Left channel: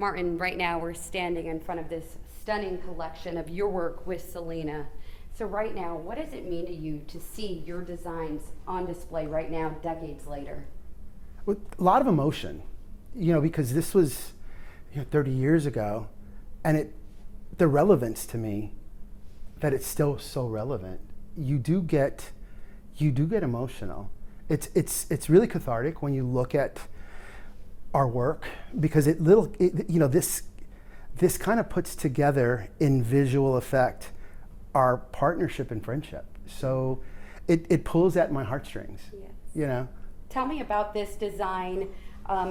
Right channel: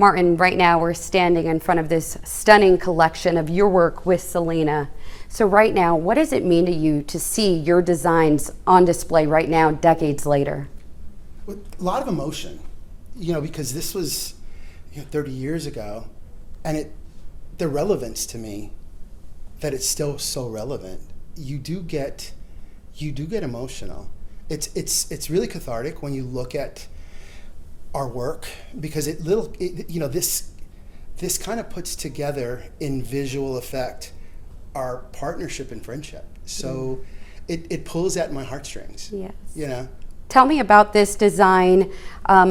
Martin, right now we're standing in front of this stunning collection of your work with Selena. So right now, what does it mean to you to see your designs on display right now, decades later? A lot of emotion, because this was 30 years ago, and the relevance to me, that it's still so relevant. You do get emotional. It's really cathartic when you look at our work, because this kind of puts together in visual effect our partnership and friendship. So it pulls at my heartstrings. Yes. Tell me about this design,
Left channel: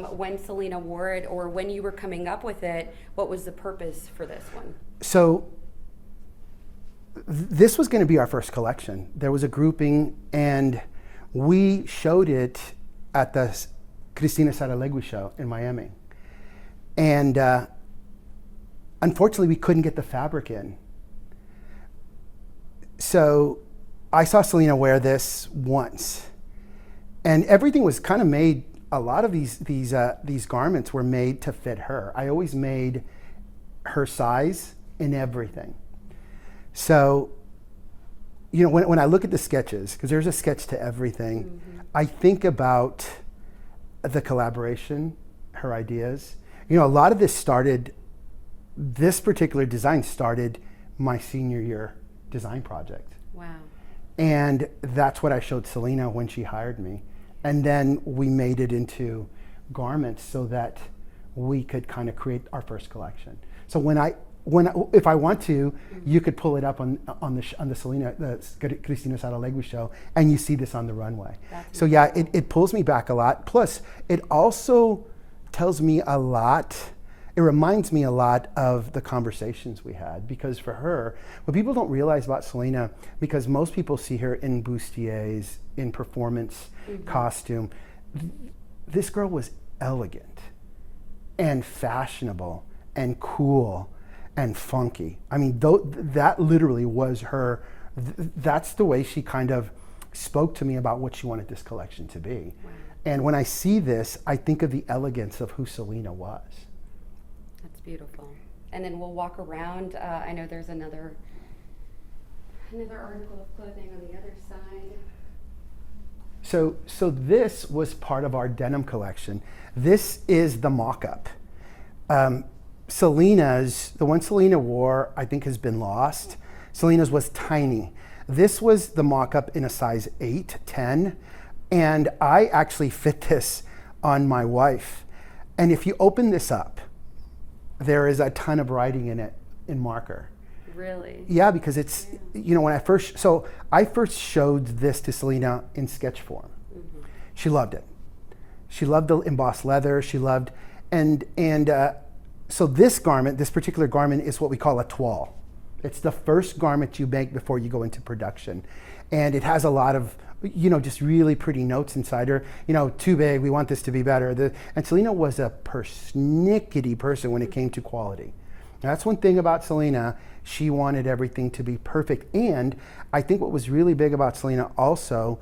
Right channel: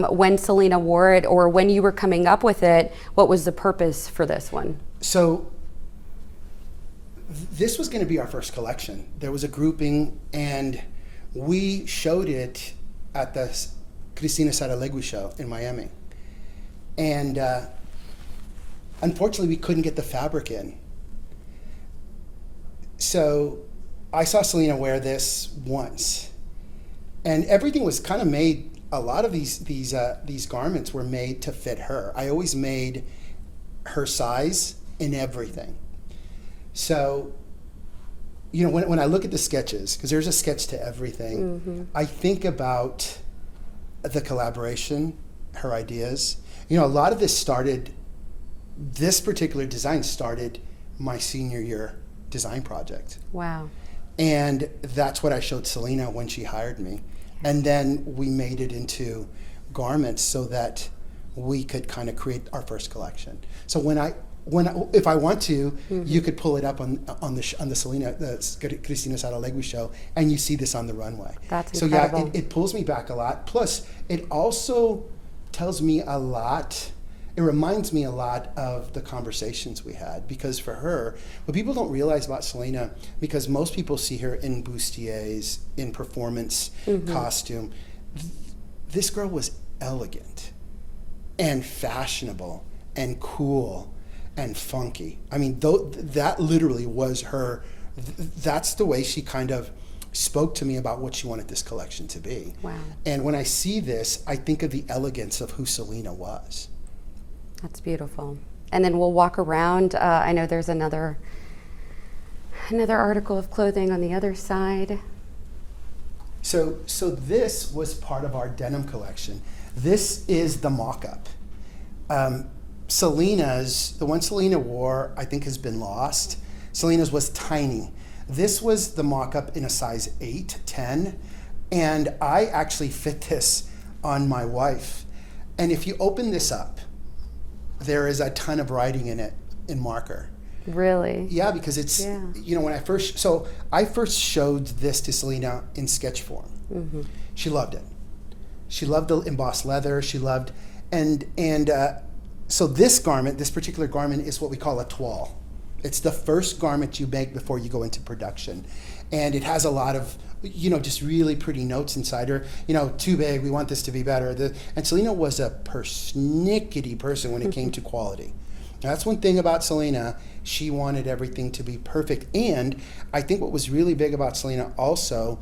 when Selena wore it, or when you were coming up with it. What was the purpose for this one? So this was going to be our first collection. There was a grouping, and we showed it at the Cristina Saralegui show in Miami. And unfortunately, we couldn't get the fabric in. So I saw Selena wear this once, and everything was kind of made. A lot of these garments were made to fit her. I always made her size in everything. So, when I look at the sketches, because there's a sketch to everything, I think about the collaboration, her ideas. A lot of this particular design started my senior year design project. Wow. And that's what I showed Selena when she hired me. And then we made it into garments so that we could kind of create our first collection. So if I want to, you could pull it up on the Selena, the Cristina Saralegui show, and you see this on the runway. That's so incredible. Yeah, it pulls me back a lot. Plus, it also tells me a lot. It reminds me a lot of the conversations we had, because for her, what people don't realize about Selena, because most people see her in bustiers, in performance costume, this girl was elegant and fashionable and cool and funky. I mean, that literally was her. That's the way she kind of spoke to me about what she wanted this collection to be. Wow. And when I see this, I think of the elegance of who Selena was. That's beautiful. And then we'll walk around. I know there's another article of clothing on the other side. So this was part of our denim collection. This is the mock-up. Selena's, the one Selena wore, I think has been lost. Selena's was tiny. This was the mock-up in a size 8, 10, and I actually fit this on my wife. And if you open this up, there is a ton of writing in it in marker. Really? Yeah, because it's, when I first showed this to Selena in sketch form. She loved it. She loved the embossed leather. She loved, so this particular garment is what we call a toile. It's the first garment you make before you go into production. And it has a lot of, just really pretty notes inside her. Too big, we want this to be better. And Selena was a persnickety person when it came to quality. And that's one thing about Selena. She wanted everything to be perfect. And I think what was really big about Selena also,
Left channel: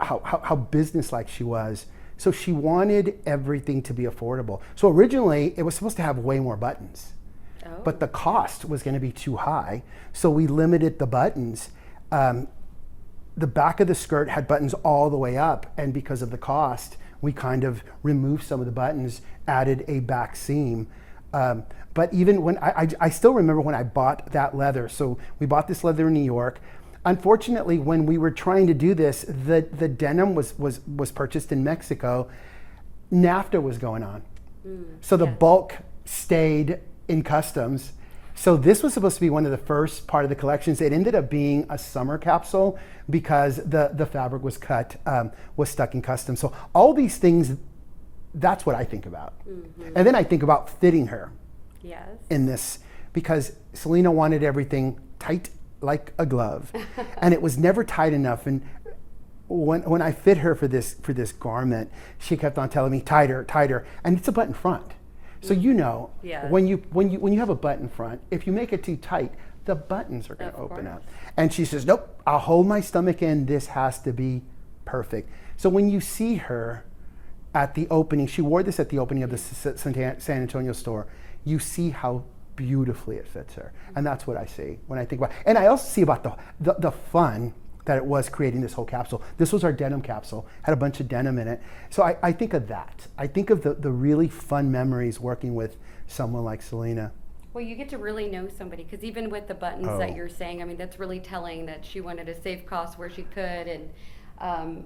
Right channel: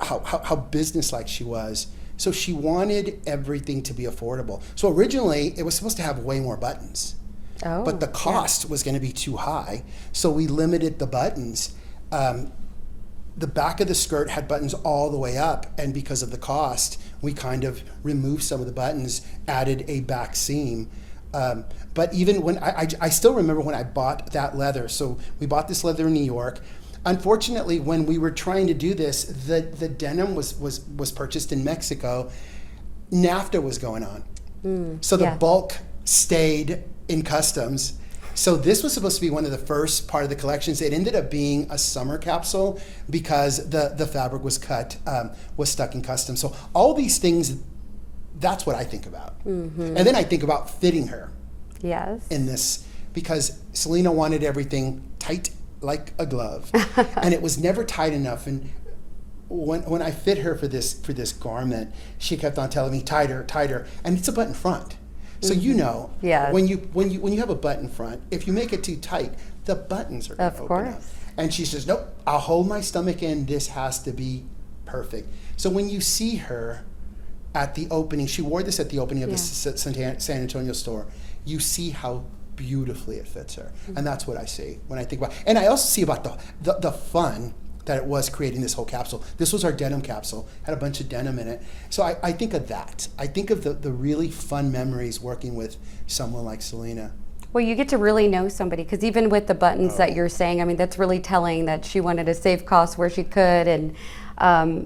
how businesslike she was. So she wanted everything to be affordable. So originally, it was supposed to have way more buttons. Oh, but the cost was going to be too high, so we limited the buttons. The back of the skirt had buttons all the way up, and because of the cost, we kind of removed some of the buttons, added a back seam. But even when I still remember when I bought that leather. So we bought this leather in New York. Unfortunately, when we were trying to do this, the denim was purchased in Mexico. NAFTA was going on, so the bulk stayed in customs. So this was supposed to be one of the first part of the collections. It ended up being a summer capsule because the fabric was was stuck in customs. So all these things, that's what I think about. And then I think about fitting her in this, because Selena wanted everything tight like a glove. And it was never tight enough. And when I fit her for this garment, she kept on telling me tighter, tighter, and it's a button front. So when you have a button front, if you make it too tight, the buttons are going to open up. And she says, nope, I'll hold my stomach in. This has to be perfect. So when you see her, at the opening, she wore this at the opening of the San Antonio store. You see how beautifully it fits her. And that's what I see when I think about it. And I also see about the fun that it was creating this whole capsule. This was our denim capsule, had a bunch of denim in it. So I think of that. I think of the really fun memories working with someone like Selena. Well, you get to really know somebody, because even with the buttons that you're saying, I mean, that's really telling that she wanted to save costs where she could, and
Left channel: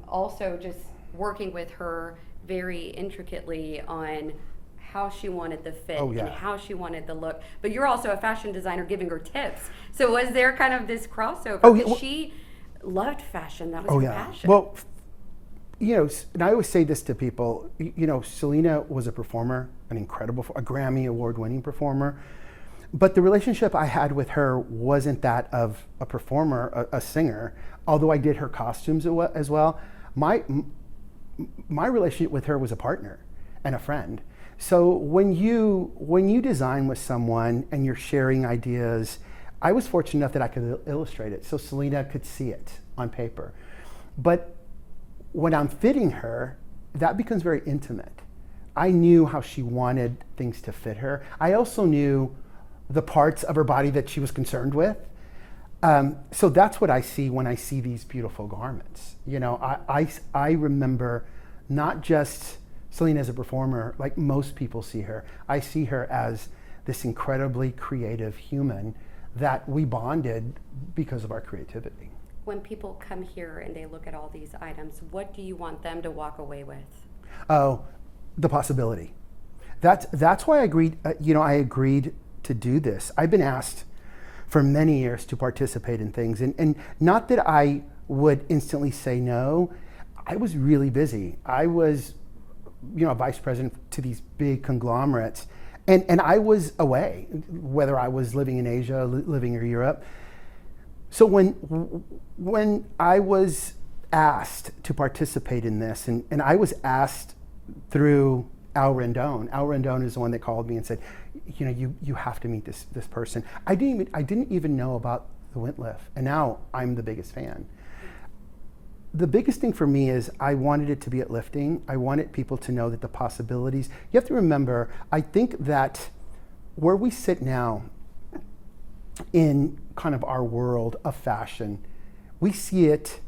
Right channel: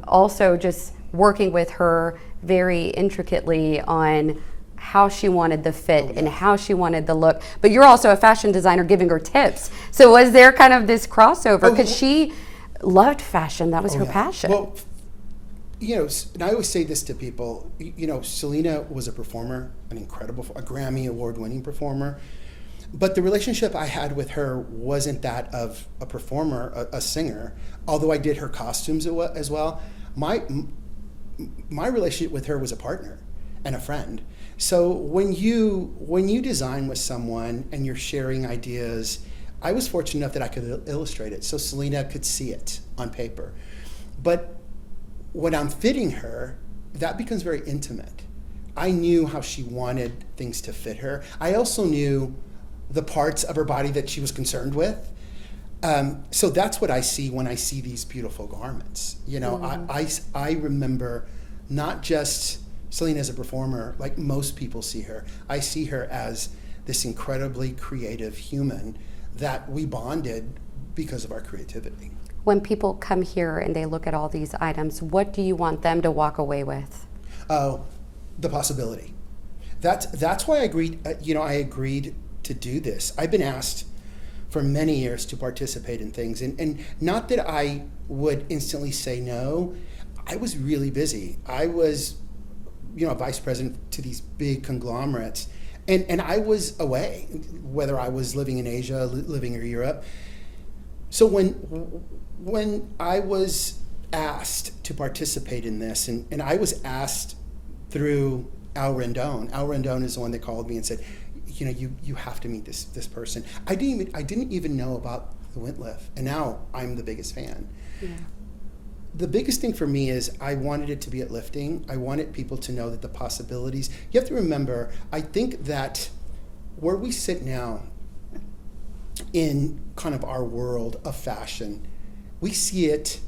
also just working with her very intricately on how she wanted the fit and how she wanted the look. But you're also a fashion designer giving her tips. So was there kind of this crossover? Because she loved fashion. That was her passion. Well, you know, and I always say this to people, you know, Selena was a performer, a Grammy award-winning performer. But the relationship I had with her wasn't that of a performer, a singer, although I did her costumes as well. My relationship with her was a partner and a friend. So when you design with someone and you're sharing ideas, I was fortunate enough that I could illustrate it so Selena could see it on paper. But when I'm fitting her, that becomes very intimate. I knew how she wanted things to fit her. I also knew the parts of her body that she was concerned with. So that's what I see when I see these beautiful garments. You know, I remember not just Selena as a performer, like most people see her. I see her as this incredibly creative human that we bonded because of our creativity. When people come here and they look at all these items, what do you want them to walk away with? Oh, the possibility. That's why I agreed. I agreed to do this. I've been asked for many years to participate in things, and not that I would instantly say no. I was really busy. I was, vice president to these big conglomerates, and I was away, whether I was living in Asia, living in Europe. So when I was asked to participate in this, and I was asked through Al Rendon is the one that called me and said, you have to meet this person. I didn't even know about the Wintliff, and now I'm the biggest fan. Yeah. The biggest thing for me is I wanted it to be uplifting. I wanted people to know that the possibilities. You have to remember, I think that where we sit now in kind of our world of fashion, we see it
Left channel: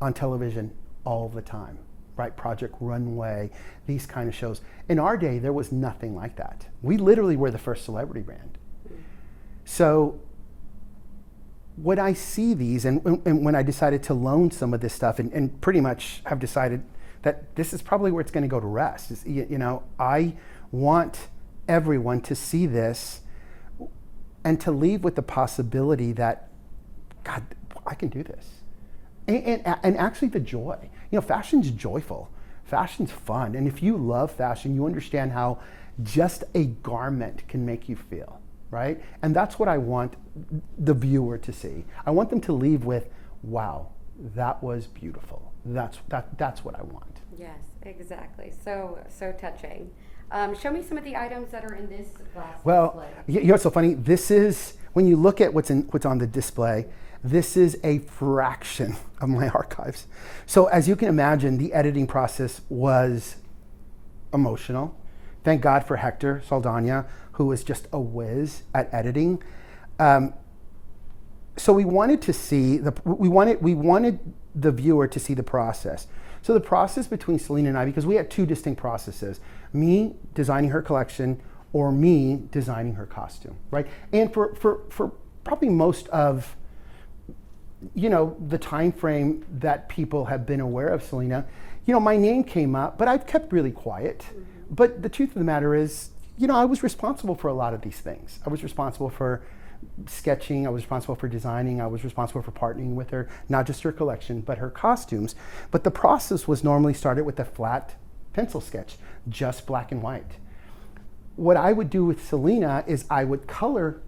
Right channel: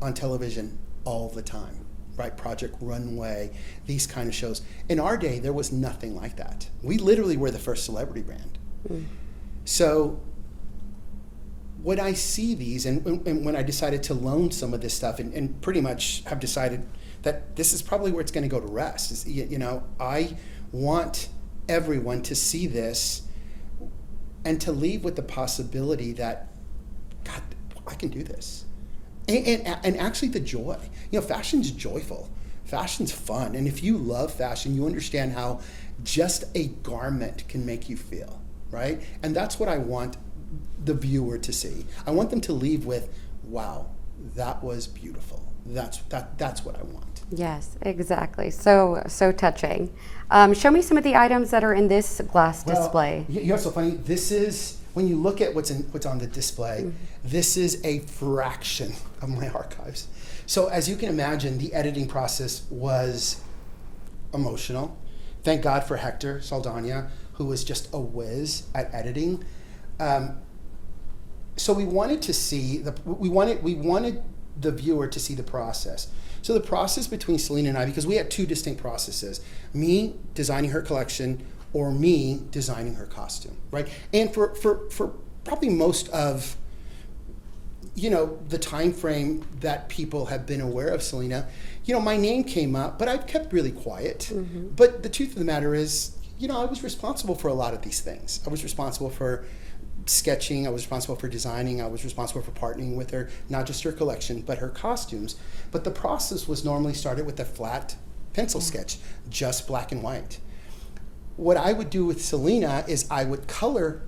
on television all the time, right? Project Runway, these kind of shows. In our day, there was nothing like that. We literally were the first celebrity brand. Mm. So when I see these, and when I decided to loan some of this stuff, and pretty much have decided that this is probably where it's going to go to rest. I want everyone to see this and to leave with the possibility that, God, I can do this. And actually the joy. Fashion's joyful. Fashion's fun. And if you love fashion, you understand how just a garment can make you feel, right? And that's what I want the viewer to see. I want them to leave with, wow, that was beautiful. That's what I want. Yes, exactly. So touching. Show me some of the items that are in this glass display. You know what's so funny? This is, when you look at what's on the display, this is a fraction of my archives. So as you can imagine, the editing process was emotional. Thank God for Hector Saldana, who was just a whiz at editing. So we wanted to see we wanted the viewer to see the process. So the process between Selena and I, because we had two distinct processes: me designing her collection or me designing her costume, right? And for probably most of the time frame that people have been aware of Selena, my name came up, but I've kept really quiet. Mm-hmm. But the truth of the matter is, I was responsible for a lot of these things. I was responsible for sketching, I was responsible for designing, I was responsible for partnering with her, not just her collection, but her costumes. But the process was normally started with a flat pencil sketch, just black and white. What I would do with Selena is I would color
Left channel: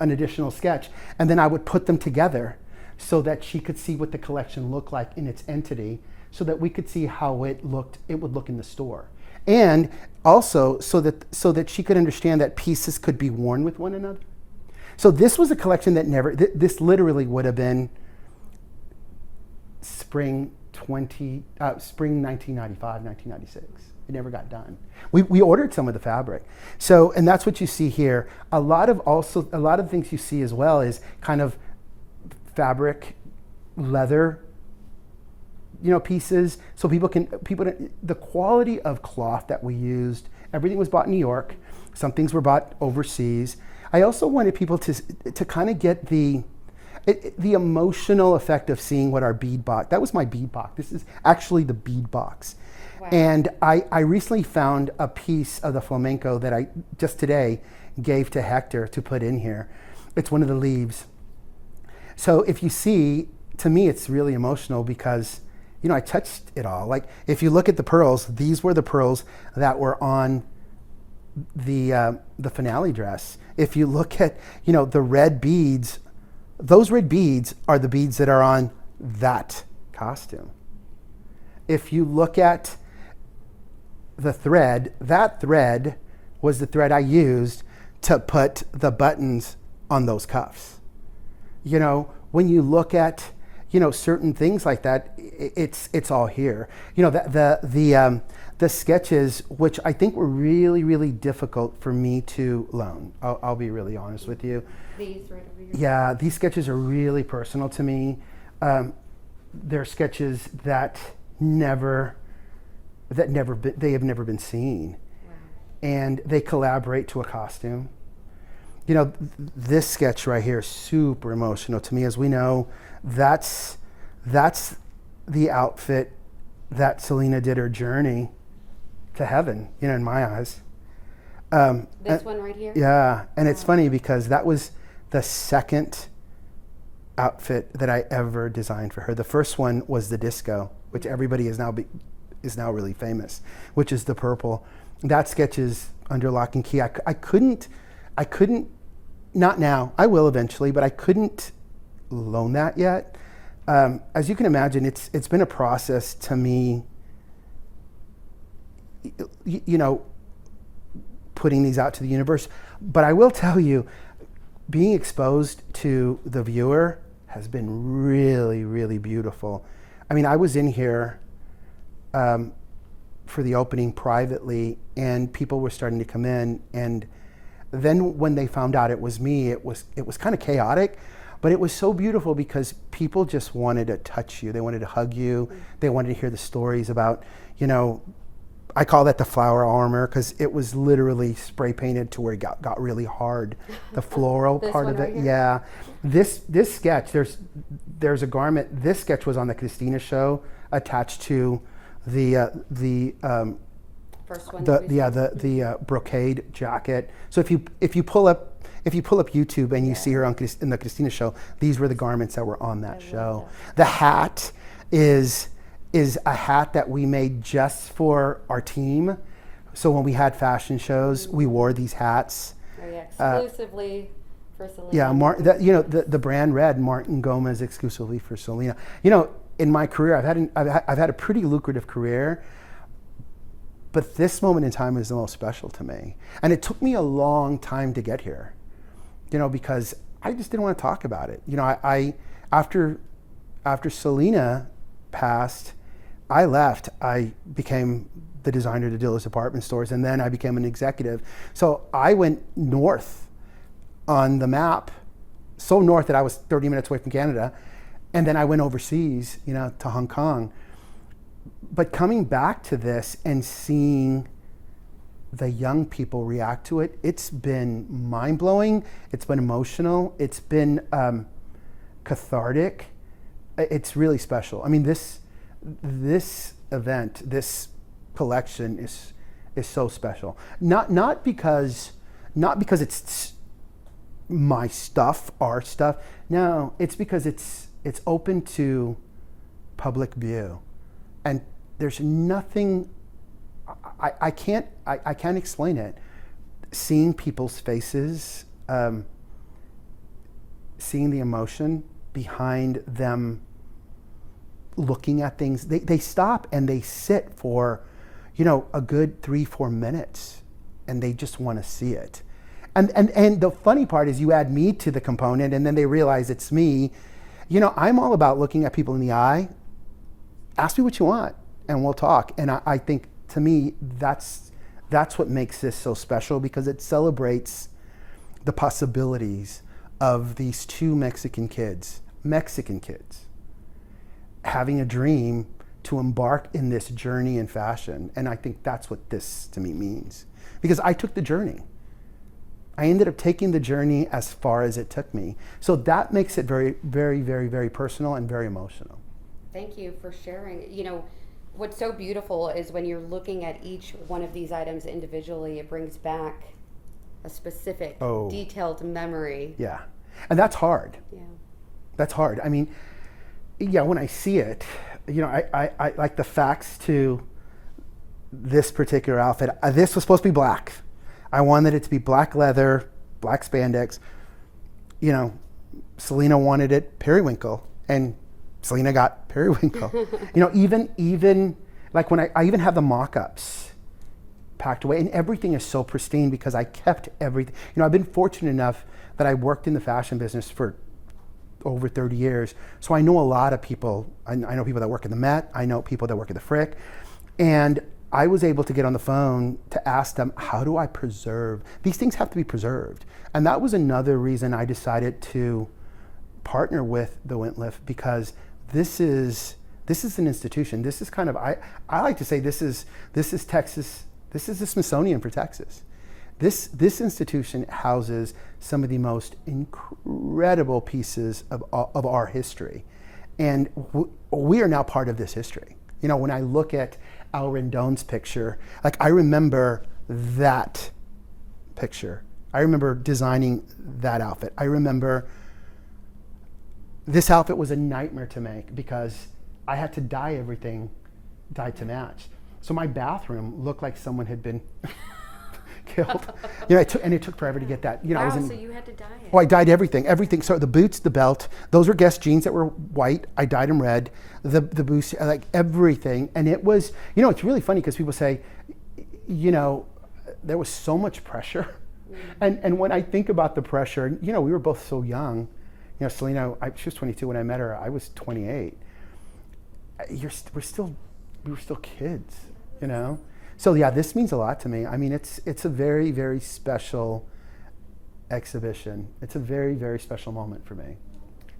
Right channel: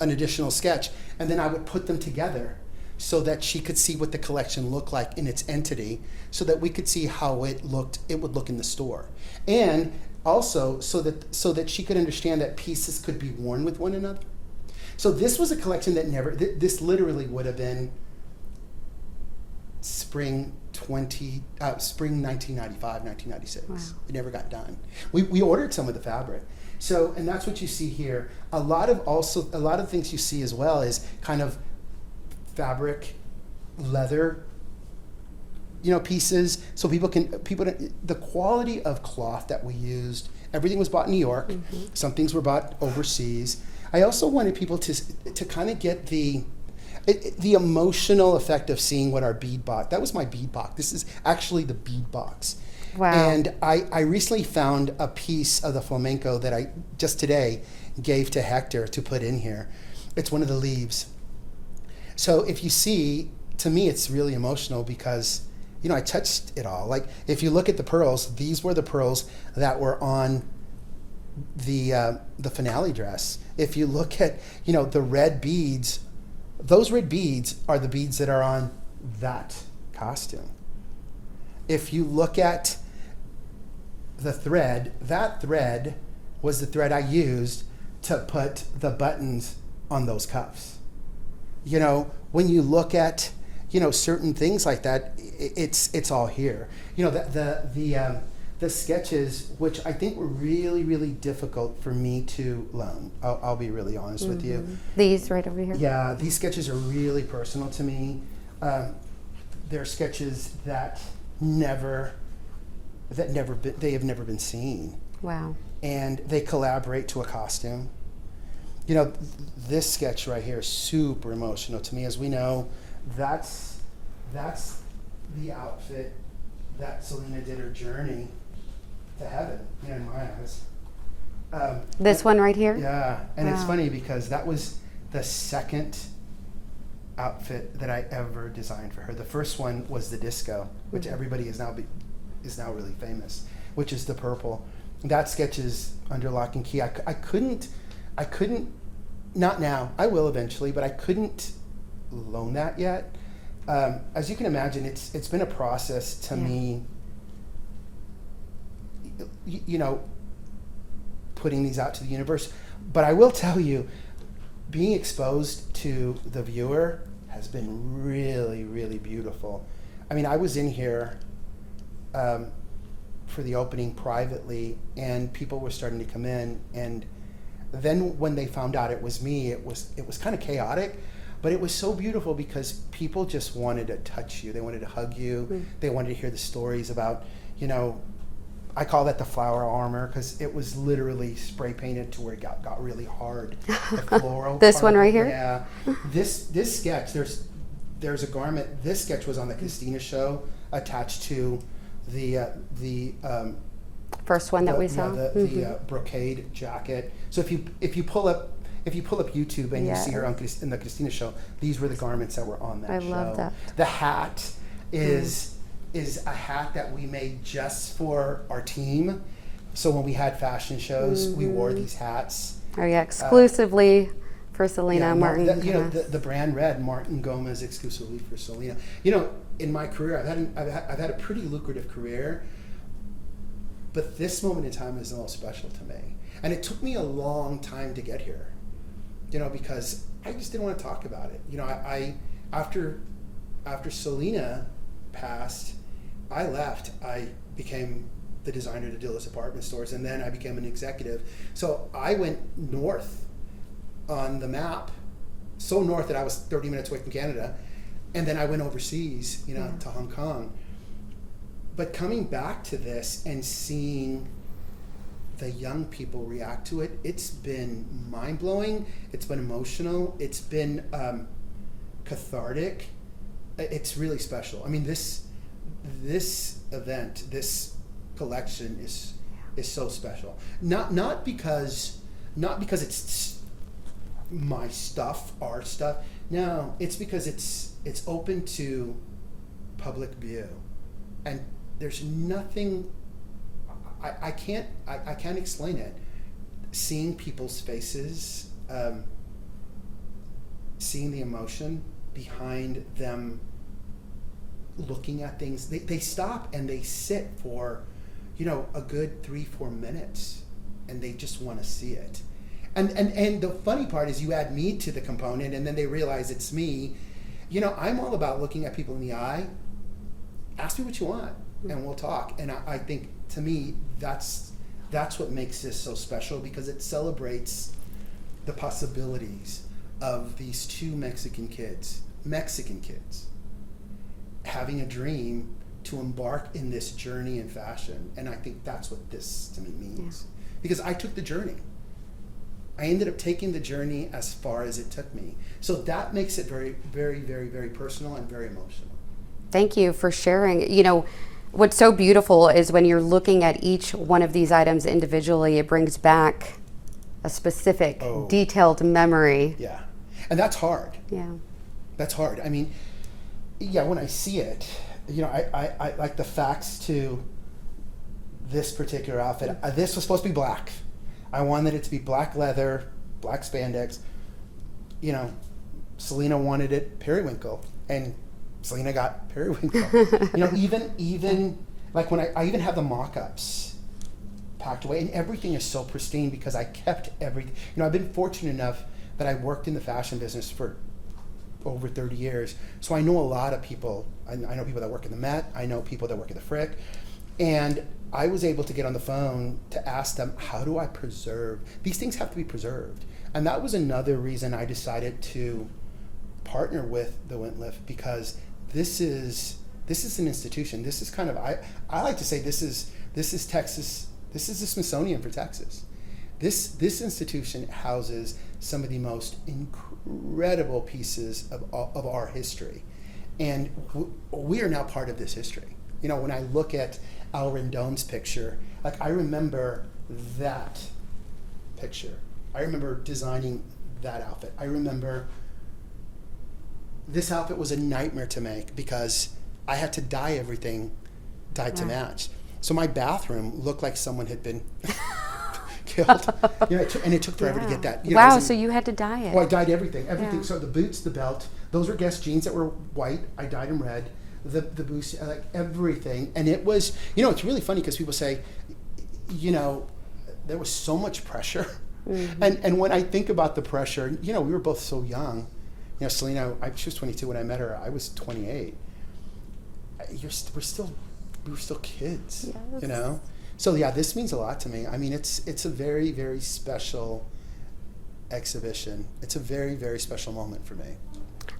an additional sketch, and then I would put them together so that she could see what the collection looked like in its entity, so that we could see how it would look in the store. And also so that she could understand that pieces could be worn with one another. So this was a collection that this literally would have been spring spring 1995, 1996. Wow. It never got done. We ordered some of the fabric. So, and that's what you see here. A lot of things you see as well is kind of fabric, leather, pieces. So the quality of cloth that we used, everything was bought in New York. Mm-hmm. Some things were bought overseas. I also wanted people to kind of get the emotional effect of seeing what our bead box. That was my bead box. This is actually the bead box. Wow. And I recently found a piece of the flamenco that I just today gave to Hector to put in here. It's one of the leaves. So if you see, to me, it's really emotional because, I touched it all. Like, if you look at the pearls, these were the pearls that were on the finale dress. If you look at, the red beads, those red beads are the beads that are on that costume. If you look at the thread, that thread was the thread I used to put the buttons on those cuffs. When you look at, certain things like that, it's all here. The sketches, which I think were really, really difficult for me to loan. I'll be really honest with you. These right over here? Yeah, these sketches are really personal to me. They're sketches that they have never been seen. Wow. And they collaborate to a costume. This sketch right here is super emotional to me. As we know, that's the outfit that Selena did her journey to heaven, in my eyes. This one right here? Yeah, and Wow. It's funny because that was the second outfit that I ever designed for her. The first one was the disco, which everybody is now really famous, which is the purple. That sketch is under lock and key. I couldn't, not now, I will eventually, but I couldn't loan that yet. As you can imagine, it's been a process to me, putting these out to the universe. But I will tell you, being exposed to the viewer has been really, really beautiful. I mean, I was in here for the opening privately, and people were starting to come in, and then when they found out it was me, it was kind of chaotic, but it was so beautiful because people just wanted to touch you. They wanted to hug you. Mm. They wanted to hear the stories about, I call that the flower armor because it was literally spray painted to where it got really hard. The floral. This one right here? Yeah. This sketch, there's a garment. This sketch was on the Christina show attached to the first one that we saw. The brocade jacket. So if you pull up YouTube and you see her in the Christina show, these were the garments that were on that show. I love that. The hat is a hat that we made just for our team. So when we had fashion shows, we wore these hats. Oh yeah, exclusively for Selena. Yeah, Martin. The brand red, Martin Gomez, exclusively for Selena. In my career, I've had a pretty lucrative career, but this moment in time is the most special to me. And it took me a long time to get here, because I just didn't want to talk about it. After Selena passed, I left. I became the designer to Dillard's department stores, and then I became an executive. So I went north on the map, so north that I was 30 minutes away from Canada, and then I went overseas, to Hong Kong. But coming back to this and seeing the young people react to it, it's been mind-blowing, it's been emotional, it's been cathartic. It's really special. I mean, this event, this collection is so special. Not because it's my stuff, our stuff. No, it's because it's open to public view, and there's nothing. I can't explain it. Seeing people's faces, seeing the emotion behind them looking at things, they stop and they sit for, a good 3-4 minutes, and they just want to see it. And the funny part is you add me to the component, and then they realize it's me. I'm all about looking at people in the eye ask me what you want and we'll talk. And I think, to me, that's what makes this so special, because it celebrates the possibilities of these two Mexican kids, having a dream to embark in this journey in fashion. And I think that's what this to me means, because I took the journey. I ended up taking the journey as far as it took me. So that makes it very, very, very, very personal and very emotional. Thank you for sharing. You know, what's so beautiful is when you're looking at each one of these items individually, it brings back a specific, detailed memory. Yeah. And that's hard. Yeah. That's hard. I mean, yeah, when I see it, you know, I like the facts to this particular outfit. This was supposed to be black. I wanted it to be black leather, black spandex. You know, Selena wanted it periwinkle, and Selena got periwinkle. You know, even like when I even have the mock-ups packed away, and everything is so pristine because I kept everything. You know, I've been fortunate enough that I worked in the fashion business for over 30 years. So I know a lot of people. I know people that work in the Met. I know people that work at the Frick. And I was able to get on the phone to ask them, how do I preserve? These things have to be preserved. And that was another reason I decided to partner with the Wintliff, because this is an institution. This is kind of, I like to say this is Texas, this is the Smithsonian for Texas. This institution houses some of the most incredible pieces of our history. And we are now part of this history. You know, when I look at Al Rendon's picture, like, I remember that picture. I remember designing that outfit. I remember this outfit was a nightmare to make because I had to dye everything dyed to match. So my bathroom looked like someone had been killed. You know, it took forever to get that. You know, so you had to dye it. Oh, I dyed everything. So the boots, the belt, those were Guess jeans that were white. I dyed them red. The boots, like everything. And it was, you know, it's really funny because people say, you know, there was so much pressure. Mm-hmm. And when I think about the pressure, you know, we were both so young. You know, Selena, she was 22 when I met her. I was 28. We were still kids, yes. You know? So yeah, this means a lot to me. I mean, it's a very, very special exhibition. It's a very, very special moment for me.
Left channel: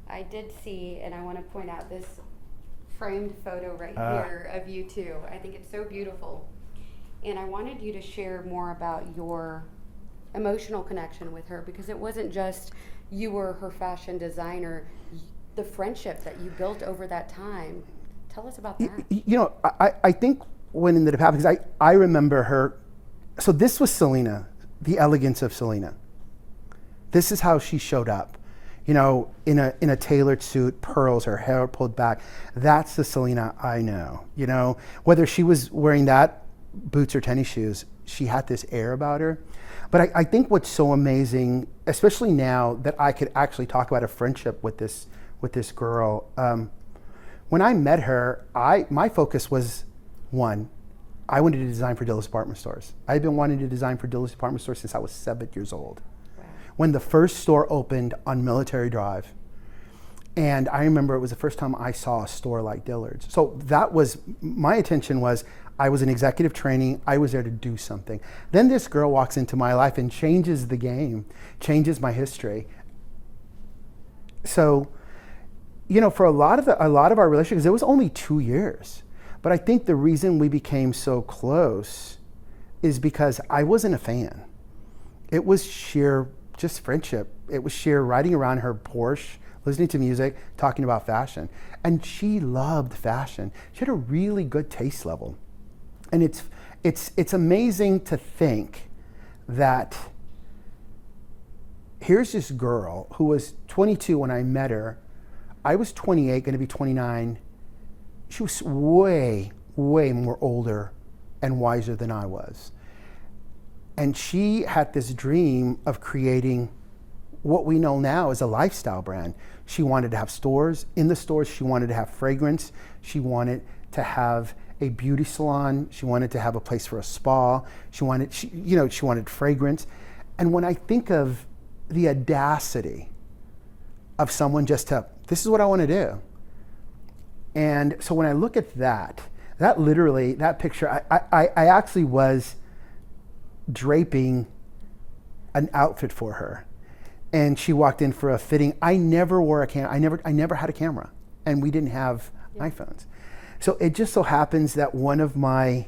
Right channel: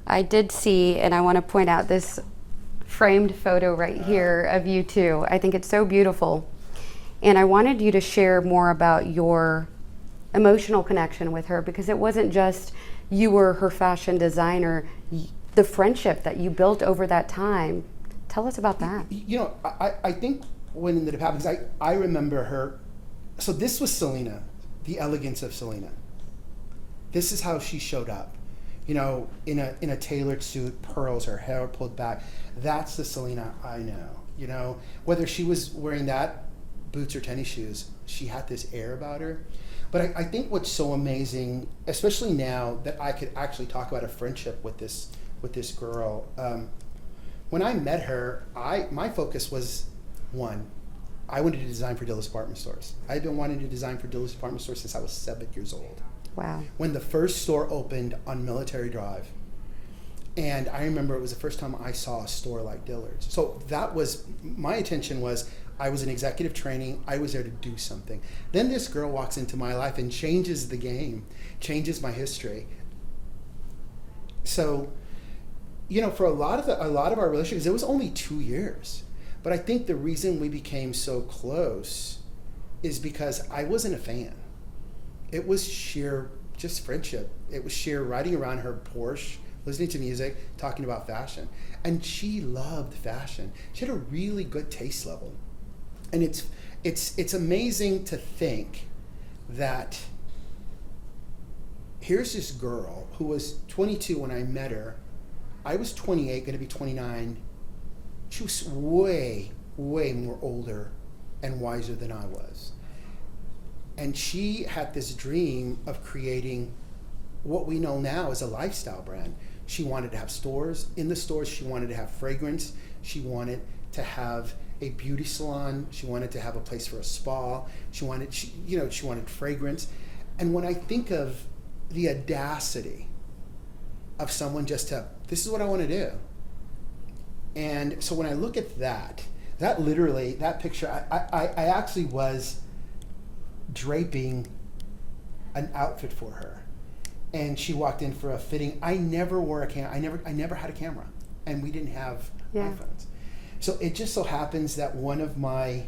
I did see, and I want to point out this framed photo right here of you two. I think it's so beautiful. And I wanted you to share more about your emotional connection with her, because it wasn't just you were her fashion designer, the friendship that you built over that time. Tell us about that. You know, I think when in the department, because I remember her, so this was Selena, the elegance of Selena. This is how she showed up. You know, in a tailored suit, pearls, her hair pulled back. That's the Selena I know. You know, whether she was wearing that, boots or tennis shoes, she had this air about her. But I think what's so amazing, especially now that I could actually talk about a friendship with this girl, when I met her, my focus was, one, I wanted to design for Dillard's department stores. I've been wanting to design for Dillard's department stores since I was 7 years old. Wow. When the first store opened on Military Drive, and I remember it was the first time I saw a store like Dillard's. So that was, my attention was, I was in executive training, I was there to do something. Then this girl walks into my life and changes the game, changes my history. So, you know, for a lot of our relationships, it was only 2 years. But I think the reason we became so close is because I wasn't a fan. It was sheer just friendship. It was sheer riding around her Porsche, listening to music, talking about fashion. And she loved fashion. She had a really good taste level. And it's amazing to think that here's this girl who was 22 when I met her. I was 28, going to be 29. She was way, way more older and wiser than I was. And she had this dream of creating what we know now as a lifestyle brand. She wanted to have stores. In the stores, she wanted to have fragrance. She wanted to have a beauty salon. She wanted to have a place for a spa. She wanted fragrance. And when I think of the audacity of someone just to, this is what I want to do. And so when I look at that literally, that picture, I actually was draping an outfit for her, and she walked in for a fitting. I never wore a camera. I never had a camera, and we didn't have iPhones. So it just so happens that one of my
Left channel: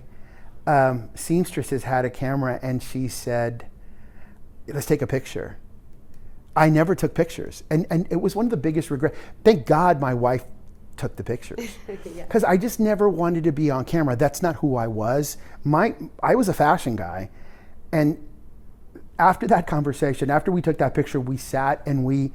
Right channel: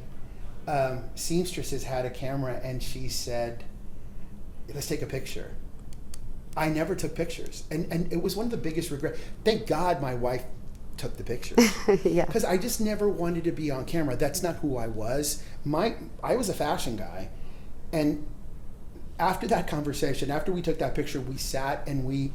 seamstresses had a camera, and she said, let's take a picture. I never took pictures, and it was one of the biggest regrets. Thank God my wife took the pictures, because I just never wanted to be on camera. That's not who I was. I was a fashion guy, and after that conversation, after we took that picture, we sat and we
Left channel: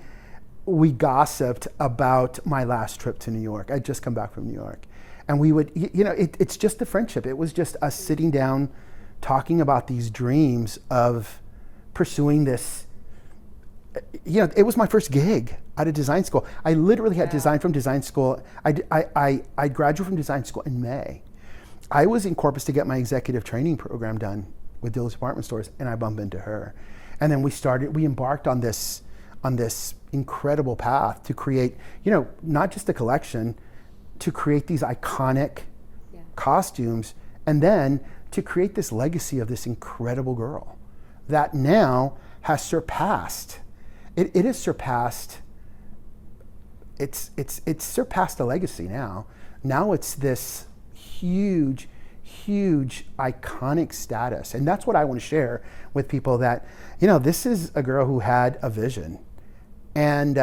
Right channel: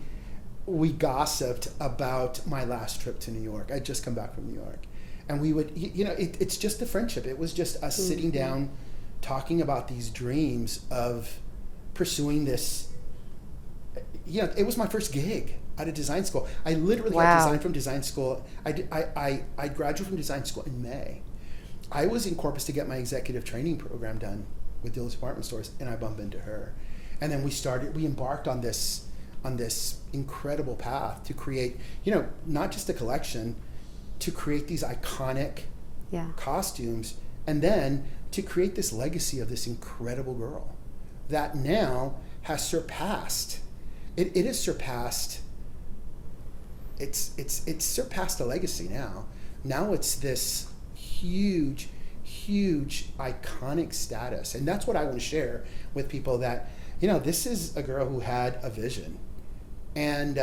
gossiped about my last trip to New York. I'd just come back from New York, and we would, it's just the friendship. It was just us sitting down, talking about these dreams of pursuing this. It was my first gig out of design school. I literally had design from design school. I graduated from design school in May. I was in Corpus to get my executive training program done with Dillard's department stores, and I bumped into her. And then we embarked on this incredible path to create, not just a collection, to create these iconic costumes, and then to create this legacy of this incredible girl that now has surpassed. It has surpassed. It's surpassed a legacy now. Now it's this huge iconic status, and that's what I want to share with people. That this is a girl who had a vision, and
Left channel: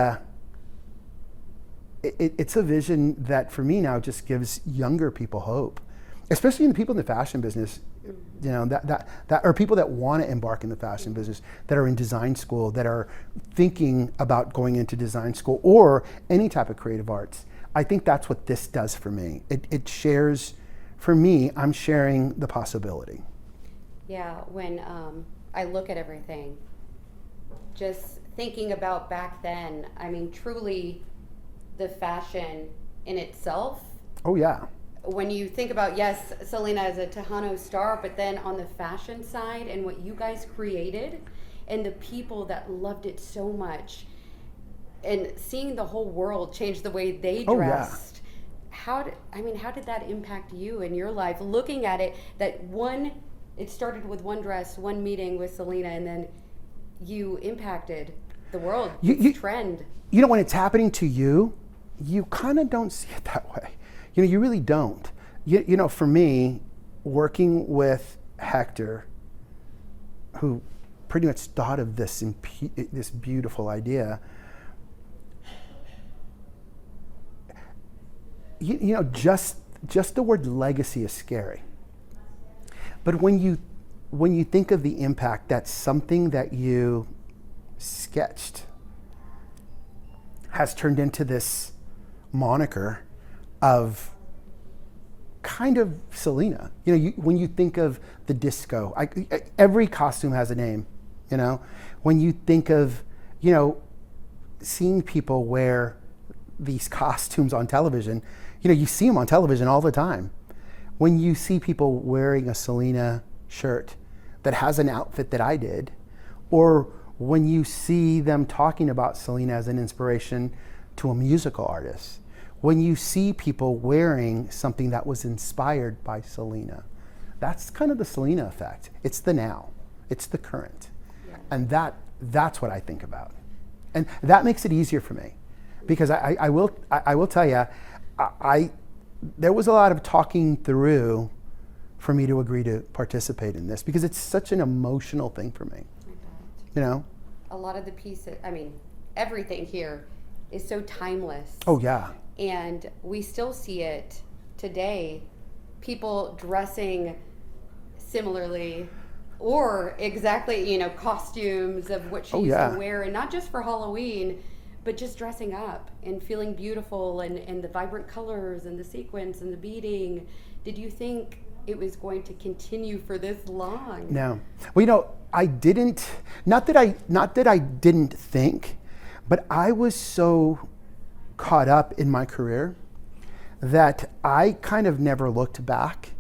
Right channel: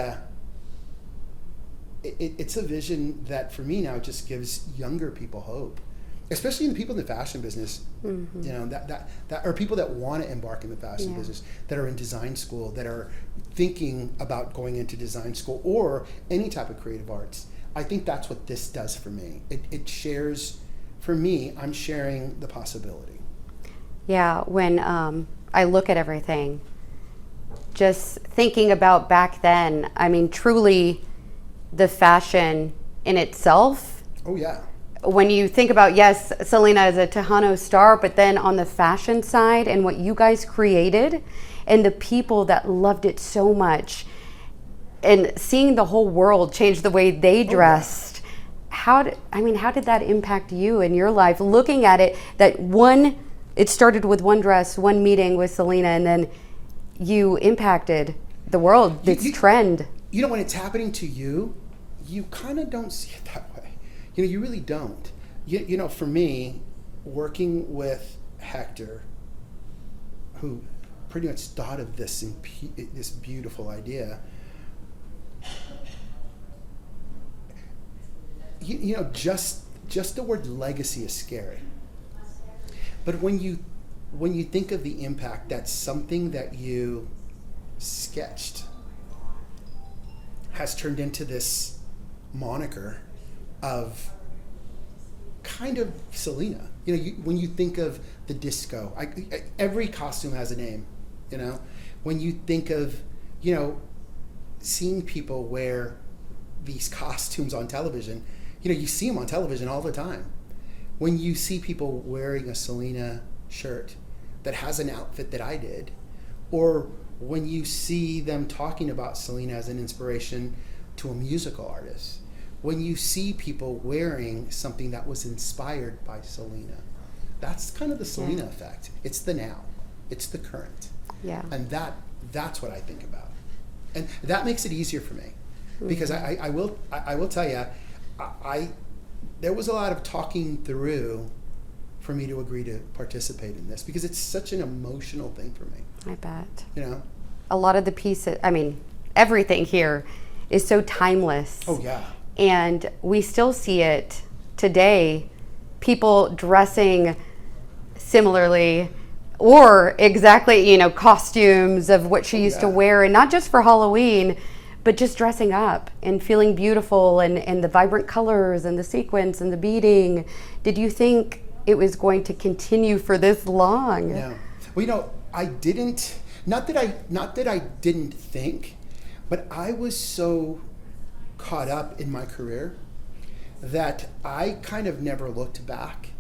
it's a vision that for me now just gives younger people hope, especially in the people in the fashion business. That are people that want to embark in the fashion business, that are in design school, that are thinking about going into design school or any type of creative arts. I think that's what this does for me. It shares, for me, I'm sharing the possibility. Yeah, when I look at everything, just thinking about back then, I mean, truly the fashion in itself. Oh yeah. When you think about, yes, Selena is a Tejano star, but then on the fashion side and what you guys created and the people that loved it so much, and seeing the whole world change the way they dressed, how did that impact you in your life? Looking at it, it started with one dress, one meeting with Selena, and then you impacted the world, this trend. When it's happening to you, you kind of don't see it that way. You really don't. For me, working with Hector, who pretty much thought of this beautiful idea, just the word legacy is scary. But when you think of the impact, that's something that you sketched has turned into this moniker of kind of Selena. When you think of the disco, every costume has a name. When you think of, seeing people wear these costumes on television, you see them on television all the time. When you see people wearing a Selena shirt that has an outfit that I did, or when you see them talking about Selena as an inspiration to a musical artist, when you see people wearing something that was inspired by Selena, that's kind of the Selena effect. It's the now, it's the current. Yeah. And that's what I think about. And that makes it easier for me, because I will tell you, there was a lot of talking through for me to agree to participate in this, because it's such an emotional thing for me. I bet. A lot of the pieces, everything here is so timeless. Oh yeah. And we still see it today, people dressing similarly or exactly, costumes of what she used to wear, and not just for Halloween, but just dressing up and feeling beautiful, and the vibrant colors and the sequins and the beading. Did you think it was going to continue for this long? No. Well, I didn't, not that I didn't think, but I was so caught up in my career that I kind of never looked back,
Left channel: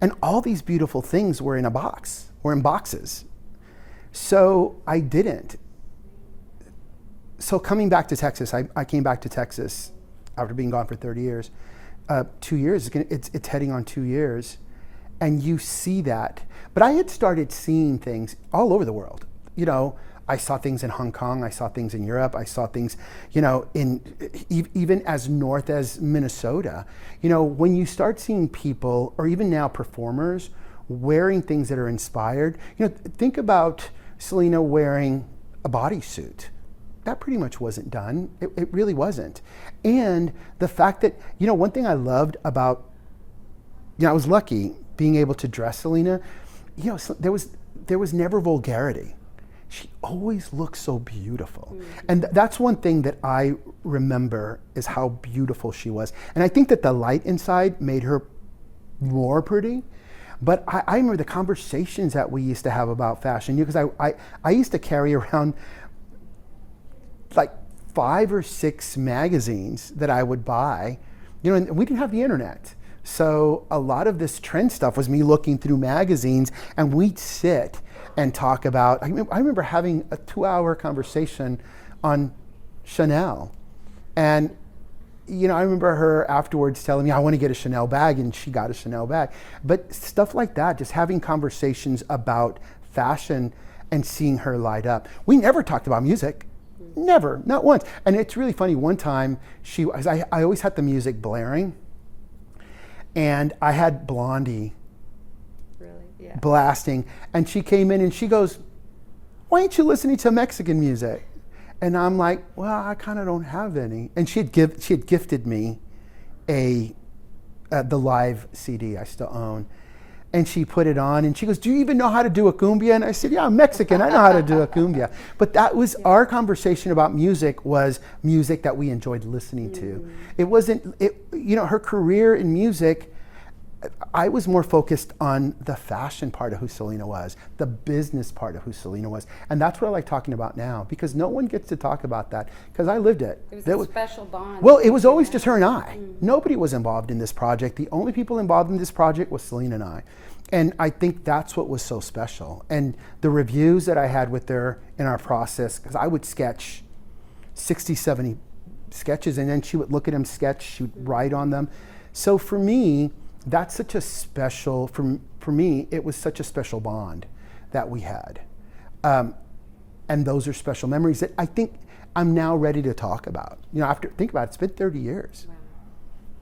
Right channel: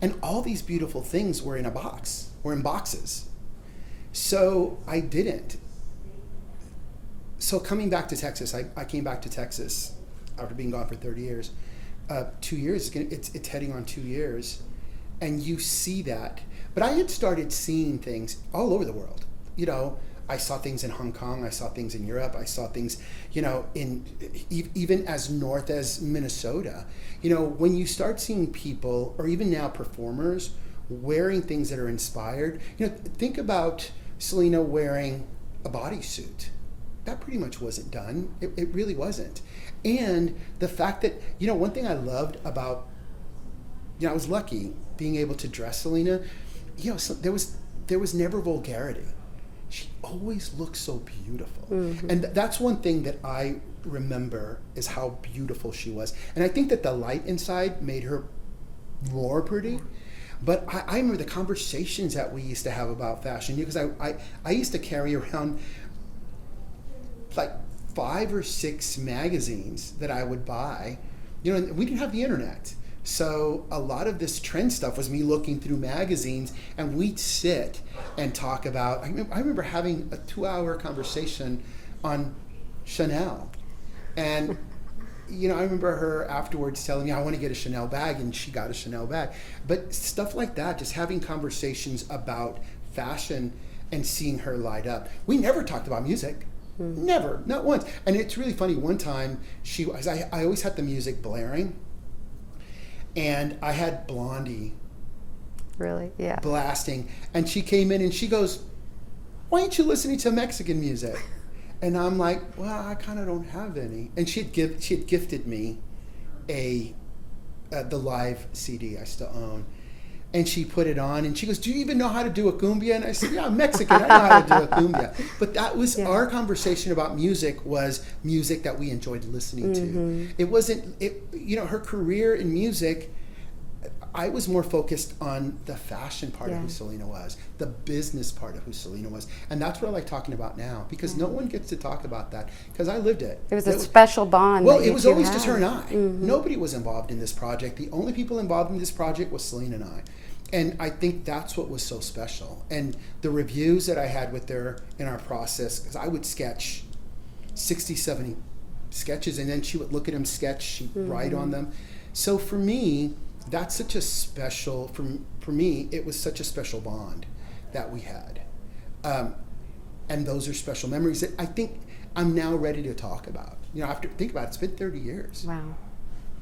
and all these beautiful things were in boxes. So I didn't. So coming back to Texas, I came back to Texas after being gone for 30 years, 2 years. It's heading on 2 years, and you see that. But I had started seeing things all over the world. You know, I saw things in Hong Kong. I saw things in Europe. I saw things, you know, even as north as Minnesota. You know, when you start seeing people, or even now performers, wearing things that are inspired. You know, think about Selena wearing a bodysuit. That pretty much wasn't done. It really wasn't. And the fact that, you know, one thing I loved about, you know, I was lucky being able to dress Selena. You know, so there was never vulgarity. She always looked so beautiful. Mm-hmm. And that's one thing that I remember, is how beautiful she was. And I think that the light inside made her more pretty. But I remember the conversations that we used to have about fashion, because I used to carry around like 5 or 6 magazines that I would buy, you know, and we didn't have the internet. So a lot of this trend stuff was me looking through magazines, and we'd sit and talk about, I remember having a 2-hour conversation on Chanel. And, you know, I remember her afterwards telling me, I want to get a Chanel bag, and she got a Chanel bag. But stuff like that, just having conversations about fashion and seeing her light up. We never talked about music. Mm-hmm. Never, not once. And it's really funny, one time, I always had the music blaring, and I had Blondie blasting, and she came in and she goes, why aren't you listening to Mexican music? And I'm like, well, I kind of don't have any. And she had gifted me the live CD I still own. And she put it on, and she goes, do you even know how to do a cumbia? And I said, yeah, I'm Mexican, I know how to do a cumbia. But that was our conversation about music, was music that we enjoyed listening to. It wasn't, you know, her career in music, I was more focused on the fashion part of who Selena was, the business part of who Selena was. And that's what I like talking about now, because no one gets to talk about that, because I lived it. It was a special bond. Well, it was always just her and I. Nobody was involved in this project. The only people involved in this project was Selena and I. And I think that's what was so special. And the reviews that I had with her in our process, because I would sketch 60, 70 sketches, and then she would look at them, sketch, she'd write on them. So for me, that's such a special, for me, it was such a special bond that we had. And those are special memories that I think I'm now ready to talk about. You know, think about it, it's been 30 years. Wow,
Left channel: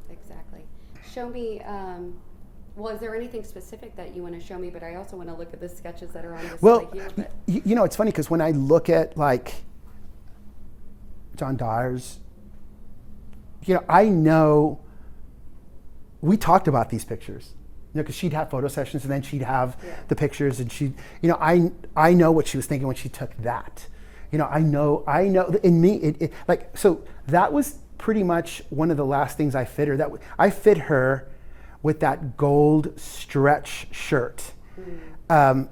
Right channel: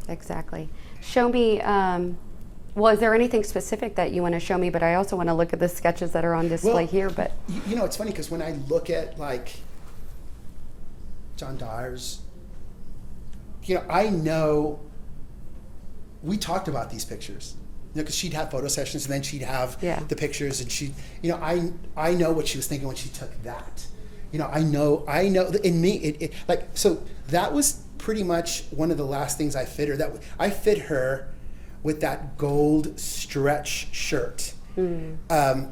exactly. Show me, well, is there anything specific that you want to show me? But I also want to look at the sketches that are on display here. But you know, it's funny, because when I look at like John Dyer's, you know, I know we talked about these pictures, you know, because she'd have photo sessions, and then she'd have the pictures, and she, you know, I know what she was thinking when she took that. You know, I know in me, like, so that was pretty much one of the last things I fit her. I fit her with that gold stretch shirt. And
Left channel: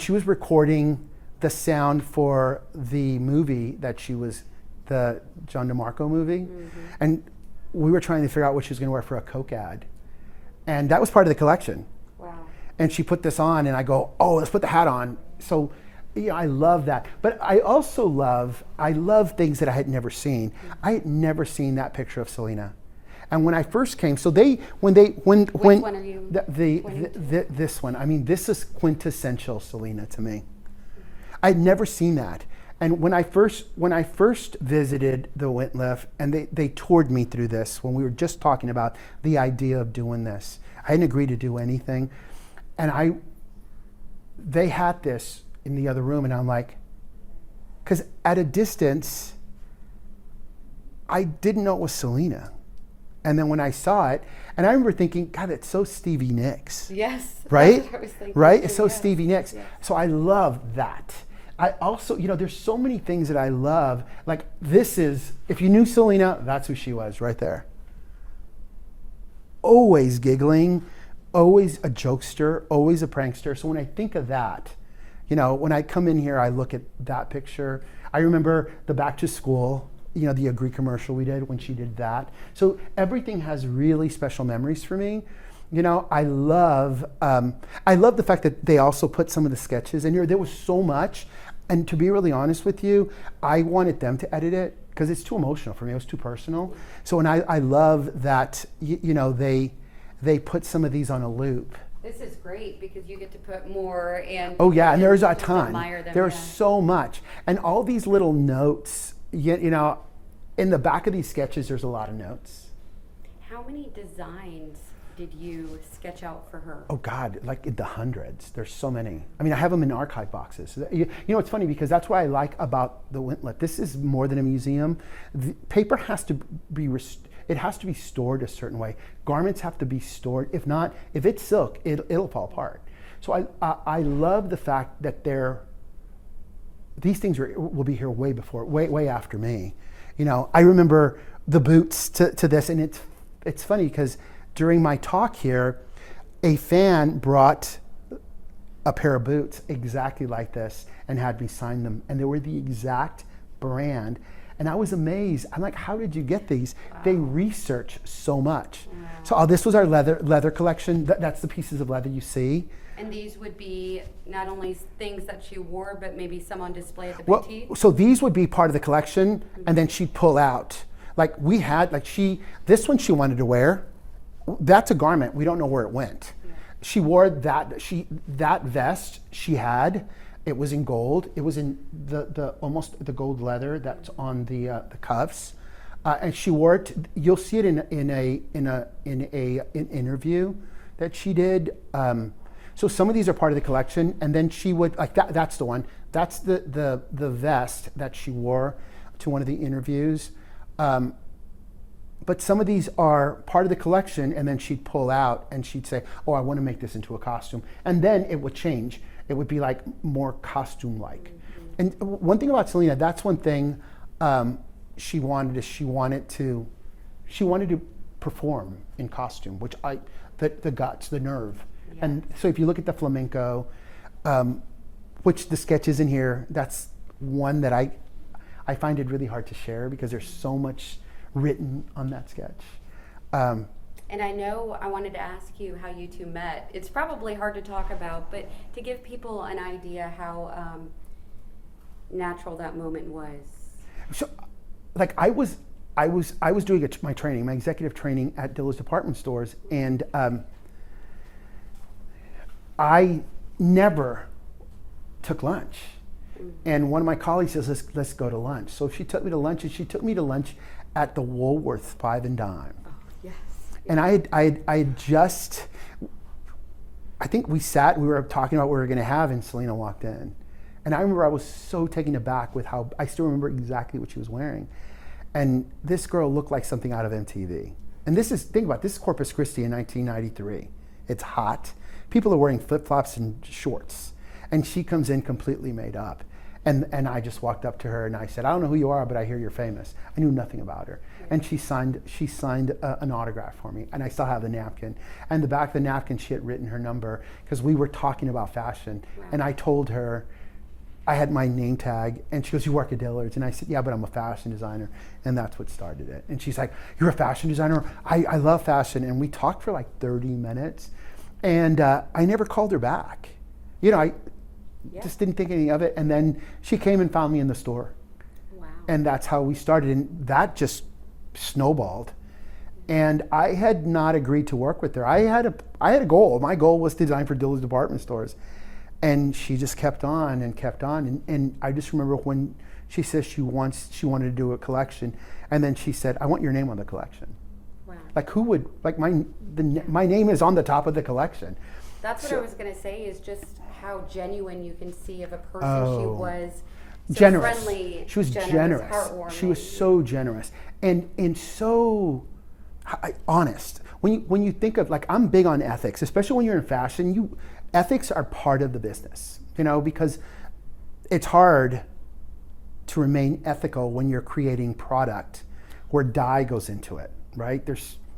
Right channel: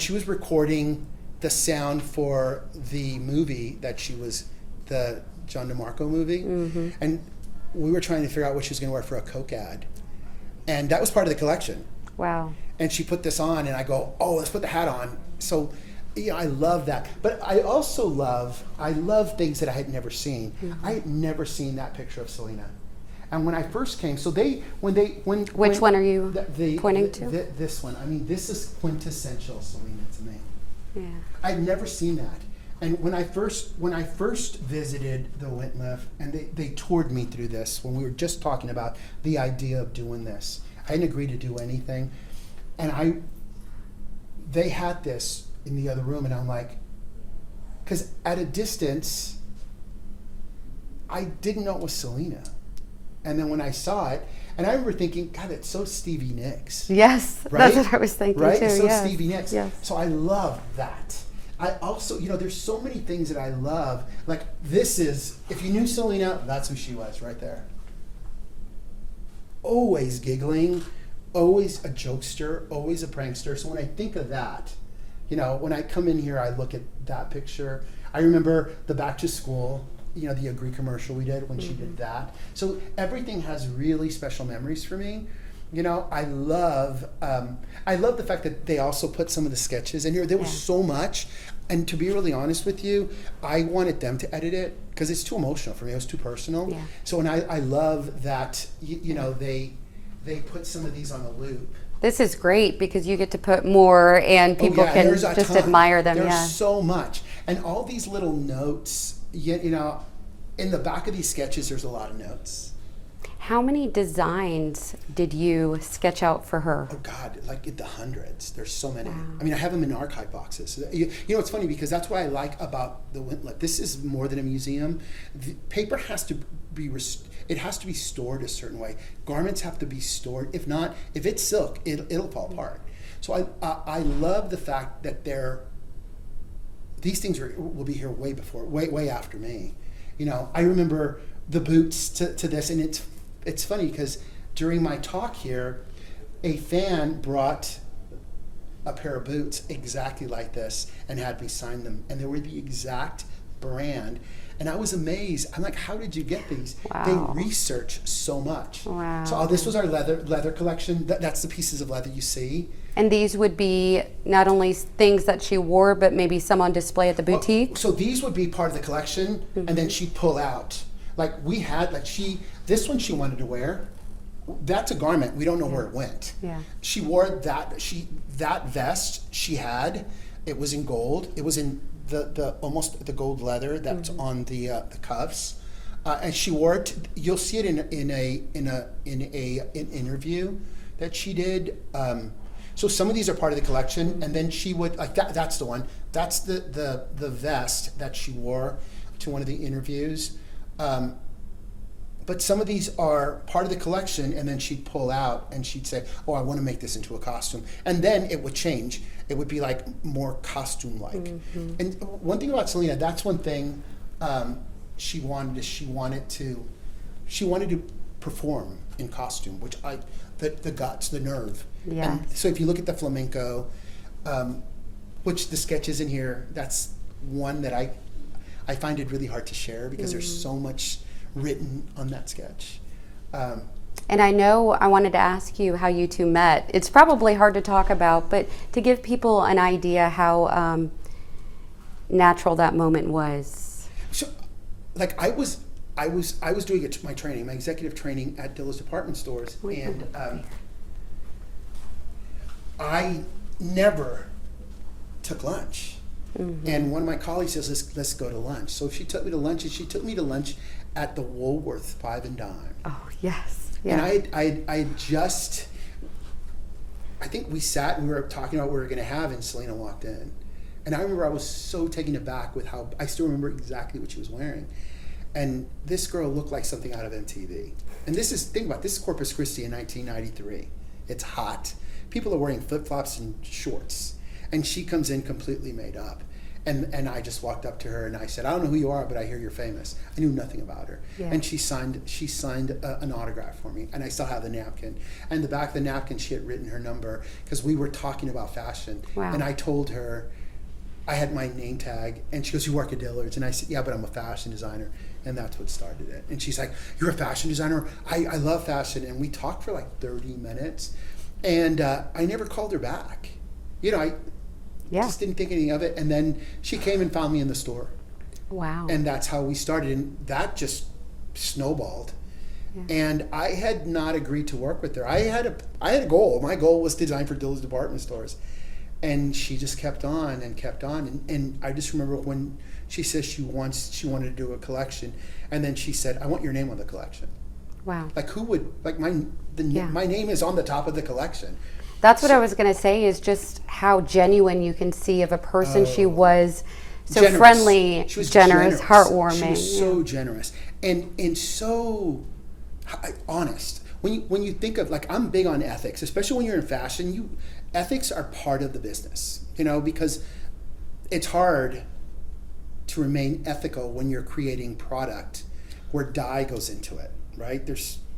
she was recording the sound for the movie that she was, the John DeMarco movie. And we were trying to figure out what she was going to wear for a Coke ad. And that was part of the collection. Wow. And she put this on, and I go, oh, let's put the hat on. So, you know, I love that. But I also love things that I had never seen. I had never seen that picture of Selena. And when I first came, so which one are you pointing to? This one. I mean, this is quintessential Selena to me. Yeah. I'd never seen that. And when I first visited the Wentliff, and they toured me through this, when we were just talking about the idea of doing this, I hadn't agreed to do anything, and they had this in the other room, and I'm like, because at a distance, I didn't know it was Selena. And then when I saw it, and I remember thinking, God, that's so Stevie Nicks. Yes, right? That's what I was thinking right? too. It's so Stevie Nicks. Yes. So I love that. I also, you know, there's so many things that I love. Like this is, if you knew Selena, that's who she was right there. Always giggling, always a jokester, always a prankster. So when I think of that, you know, when I come in here, I look at that picture. I remember the Back to School, you know, the Agree commercial we did when she did that. So everything has really special memories for me. You know, I love the fact that they also put some of the sketches in here. There was so much, and to be really honest with you, I wanted them to edit it because it's too emotional for me. It was too personal. Yeah. So, and I love that you know they put some of these on a loop. This is great because you get to put more, and people can just admire them. There's so much, and all these little notes. You know, in the back of these sketches, there's a lot of notes. How many designs did you sketch out for her? Oh God, like in the hundreds. There's so many. Wow. I mean, I have them in archive boxes. You know, it's funny because that's what I like about the Wintlet. This is more than a museum. The paper has to be it has to be stored a certain way. Garments have to be stored. If not, if it's silk, it'll fall apart. So I love the fact that these things will be here way after me. You know, I remember the boots to this, and it's funny because during my talk here, a fan brought a pair of boots exactly like this and had me sign them, and they were the exact brand. And I was amazed. I'm like, how did you get these? Wow. They research so much. Wow. So this was our leather collection. That's the pieces of leather you see. And these would be not only things that she wore, but maybe some on display at the boutique? Well, so these would be part of the collection, and then she'd pull out. Like we had, this one she wanted to wear. That's a garment. We don't know where it went. Yeah. She wore that vest she had. It was in gold. It was in the almost the gold leather that's on the cuffs, and she wore it. You'll see it in an interview that she did. So some of these are part of the collection, and then she would that's the one. That's the vest that she wore to one of the interviews. But some of these are part of the collection, and then she'd pull out and she'd say, "Oh, I want to make this into a costume," and then it would change. It would be like more costume-like. Mm-hmm. And one thing about Selena, that's one thing she wanted to perform in costume, which the guts, the nerve. Yes. And so if you look at the flamenco, which the sketch is in here, that's one that I find it really hard to share because there's so much written on that sketch. And I know I wanted to ask you how you two met. It's probably hard to talk about, but to give people an idea how natural that moment was. So, like I was doing my training, my executive training at Dillard's Department Stores, and I never took lunch. Mm-hmm. And one of my colleagues says, let's go to lunch. So she took me to lunch, and she took me to lunch at the Woolworth 5 and Dime. Oh, yes. Yeah. And I had just, I think we were talking about what we were going to have, and Selena walked in. And I remember I was so taken aback with how, I still remember exactly what she was wearing. And this girl looked like something out of MTV. And think about this is Corpus Christi in 1993. It's hot. People are wearing flip-flops and shorts. And she comes in completely made up. And I just walked up to her and I said, I don't know who you are, but I hear you're famous. I knew nothing about her. Yeah. And she signed an autograph for me. And I still have the napkin. And the back of the napkin, she had written her number because we were talking about fashion. Wow. And I told her, I had my name tag, and she goes, you work at Dillard's? And I said, yeah, but I'm a fashion designer. And that's what started it. And she's like, you're a fashion designer? I love fashion. And we talked for like 30 minutes. And I never called her back. You know, I just didn't think any of it. And then she came and found me in the store. Wow. And that's how we started. And that just snowballed. Yeah. And I had not agreed to work with her. I had a goal. My goal was to design for Dillard's Department Stores. And she just kept on and kept on. And I just remember when she says she wanted to do a collection. And then she said, I want your name on the collection. Wow. Like who would, like my name is on the top of the collection. That's what I was going to say, is just how genuine you can see of a person. She was so generous. Friendly, she was generous, heartwarming. She was so generous and so honest. When you think of, like, I'm big on ethics, especially when you're in fashion. Ethics are part of the business, because it's hard to remain ethical when you're creating product where dye goes into it, right?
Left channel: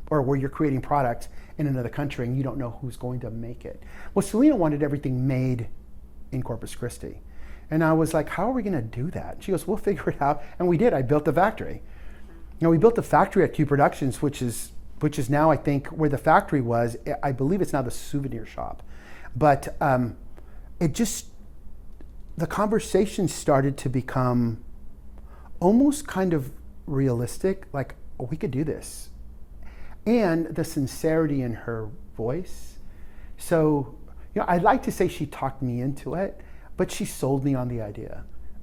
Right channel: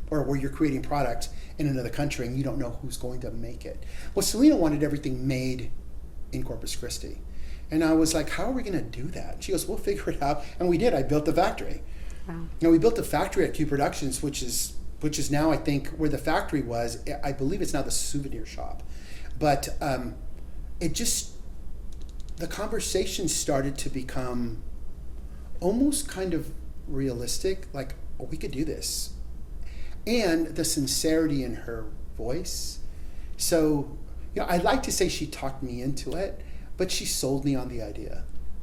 Or where you're creating product in another country and you don't know who's going to make it. Well, Selena wanted everything made in Corpus Christi. And I was like, how are we going to do that? She goes, we'll figure it out. And we did. I built the factory. Wow. We built the factory at Q Productions, which is which is now, I think, where the factory was. I believe it's now the souvenir shop. But it just, the conversation started to become almost kind of realistic, like, oh, we could do this. And the sincerity in her voice. So, I'd like to say she talked me into it, but she sold me on the idea.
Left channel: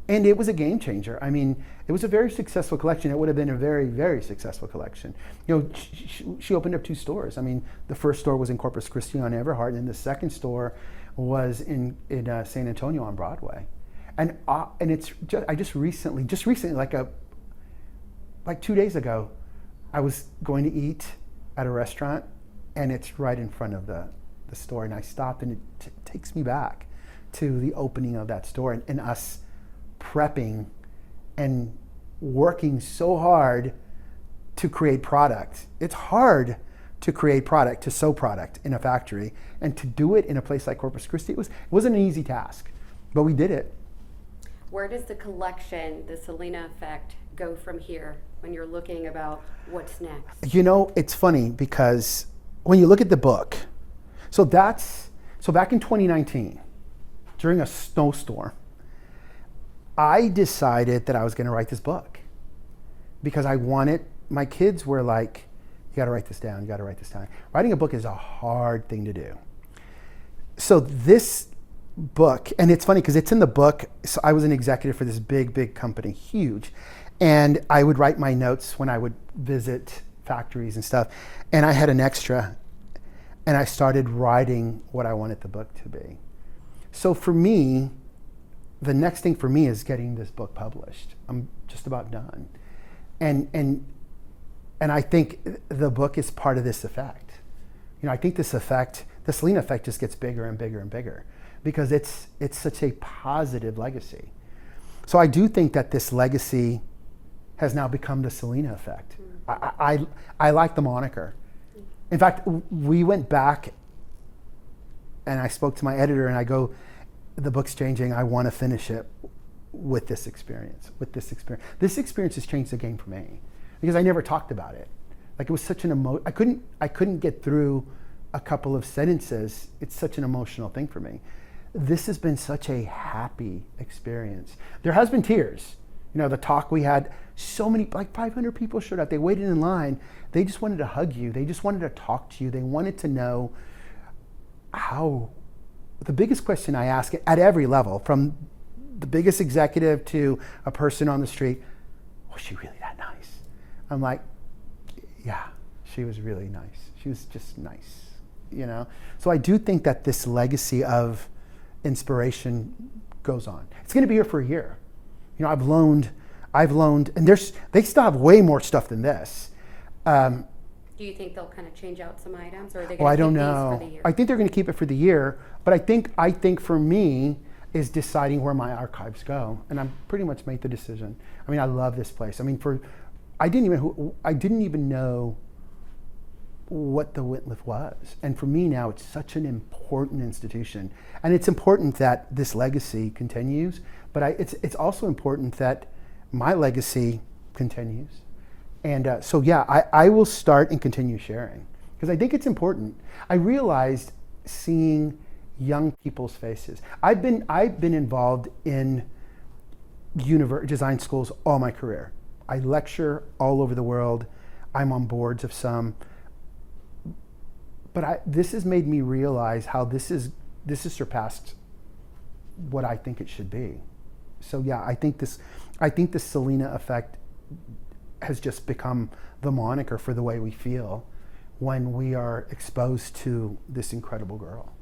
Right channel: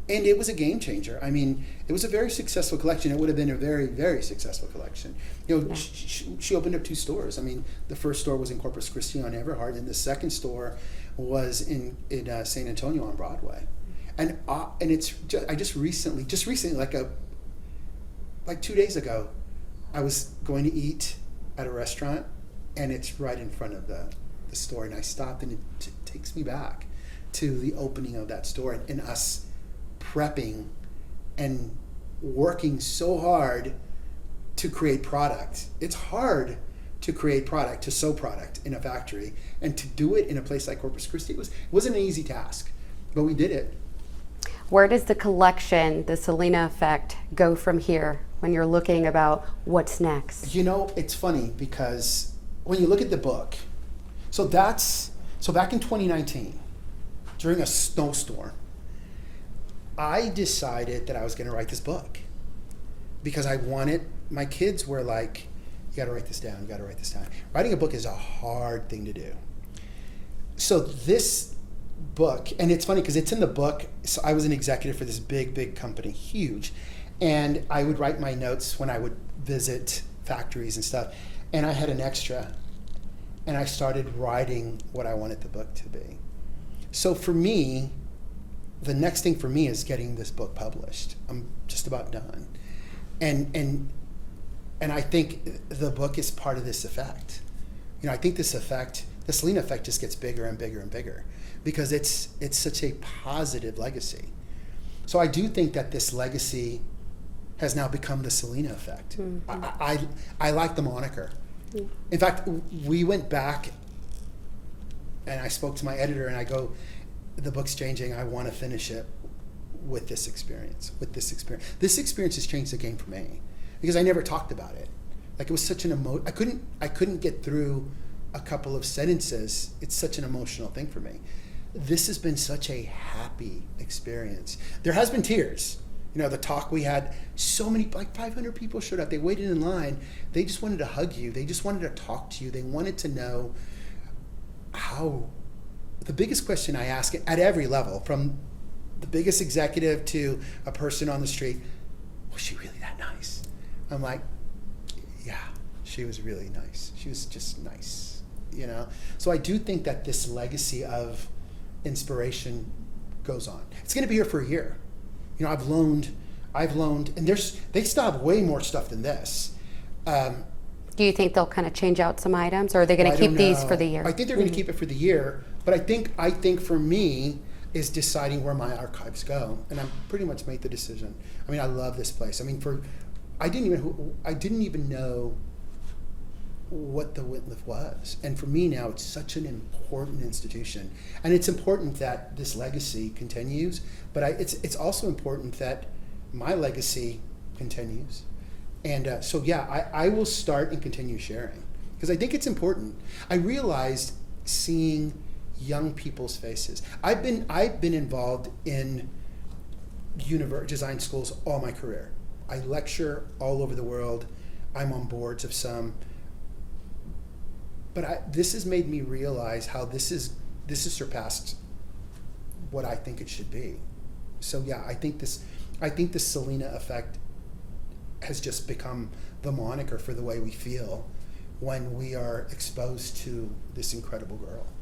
And it was a game changer. I mean, it was a very successful collection. It would have been a very, very successful collection. She opened up 2 stores. I mean, the first store was in Corpus Christi on Everhart, and the second store was in San Antonio on Broadway. And it's just, I just recently, like 2 days ago, I was going to eat at a restaurant, and it's right in front of the store, and I stopped, and it takes me back to the opening of that store and us prepping and working so hard to create product. It's hard to create product, to sew product in a factory, and to do it in a place like Corpus Christi. It wasn't an easy task, but we did it. Where does the collection, the Selena effect, go from here when you're looking about what's next? It's funny because when you look at the book, so back in 2019, during a snowstorm, I decided that I was going to write this book because my kids were like, you got to write this down, you got to write this down. Writing a book is a hard thing to do. So this book, and it's funny because it's in the book, so I was an executive for this big, big company, huge. And I would write my notes when I would visit factories and stuff. And I had an extra, and I started writing what I wanted the book to be. So for me, the next thing for me is getting this book published. I'm just about done. And I think the book is part of this effect. I think this effect, the Selena effect, just gets bigger and bigger and bigger because it's such a positive legacy. So I do think that this legacy has now become the Selena effect. Mm-hmm. I like the moniker. Mm-hmm. In fact, we went back and I spoke to my editor and I go, the book's changing. I want to finish it with this experience. This experience has changed the game for me because I never talked about it. Like it was such an I couldn't get through a couple of sentences. It's such an emotional thing for me. This has been such a happy experience. There has been tears. The talk we had, so many, like 500 people showed up. They waited in line. They just wanted to hug you. They just wanted to talk to you. They wanted to know how. The biggest question I ask at every level, from the biggest executive to a person on the street, was she really that nice? I'm like, yeah, she was really nice. She was just nice, So I do think that this legacy of inspiration goes on. It's going to be here for a year. I've loaned, and they still have way more stuff than this. Do you think they'll kind of change out some items, or are they going to keep these for the year? I think they're going to keep it for the year, but I think for me is deciding where my archives go, and I've pretty much made the decision. I mean, I love this place. I mean, I didn't even know what the Whitliff was, and for me now, it's such an important institution, and it's important that this legacy continues. But it's also important that my legacy continues. And so I will start and continue sharing because I think it's important. I realized seeing young people's faces. I've been involved in design schools all my career. I lecture all over the world. I'm on boards of some. But this has made me realize how this has surpassed what I think it should be. So I think the Selena effect has just become the moniker for the way we feel when we are exposed to this incredible girl.